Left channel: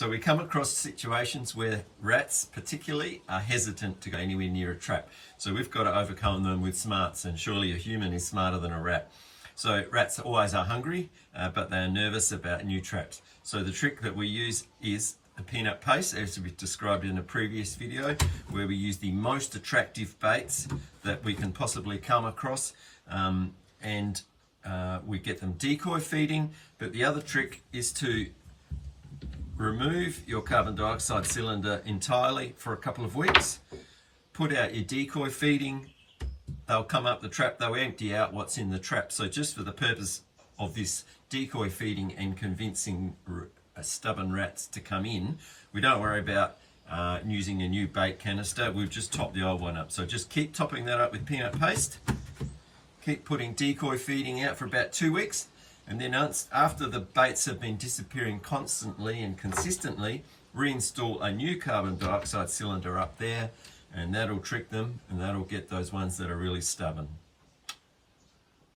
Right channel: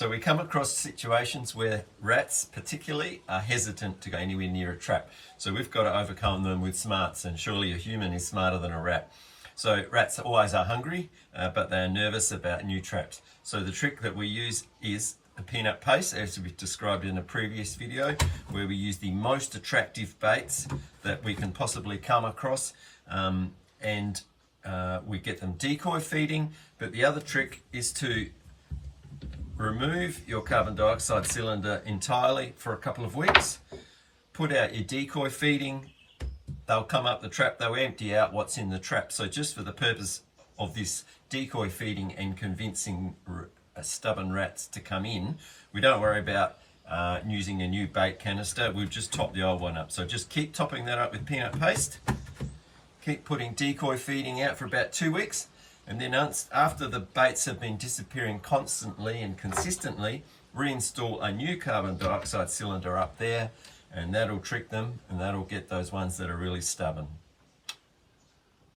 So we come across situations where rats particularly are hesitant to go anywhere near a trap. So we've got to overcome them with smarts, and surely a human is smarter than a rat. So rats always are hungry, but they are nervous about new traps. So the trick that we use is the peanut paste, as we described in a previous video, where we use the most attractive baits that we can possibly come across, and we get them decoy feeding. But the other trick is to remove your carbon dioxide cylinder entirely for a couple of weeks, put out your decoy feeding, they'll come up the trap, they'll empty out what's in the trap. So just for the purpose of this decoy feeding and convincing stubborn rats to come in, we don't worry about using a new bait canister, we'll just top the old one up. So just keep topping that up with peanut paste, keep putting decoy feeding out for about 2 weeks, and then after the baits have been disappearing constantly and consistently, reinstall a new carbon dioxide cylinder up there, and that'll trick them, and that'll get those ones that are really stubborn.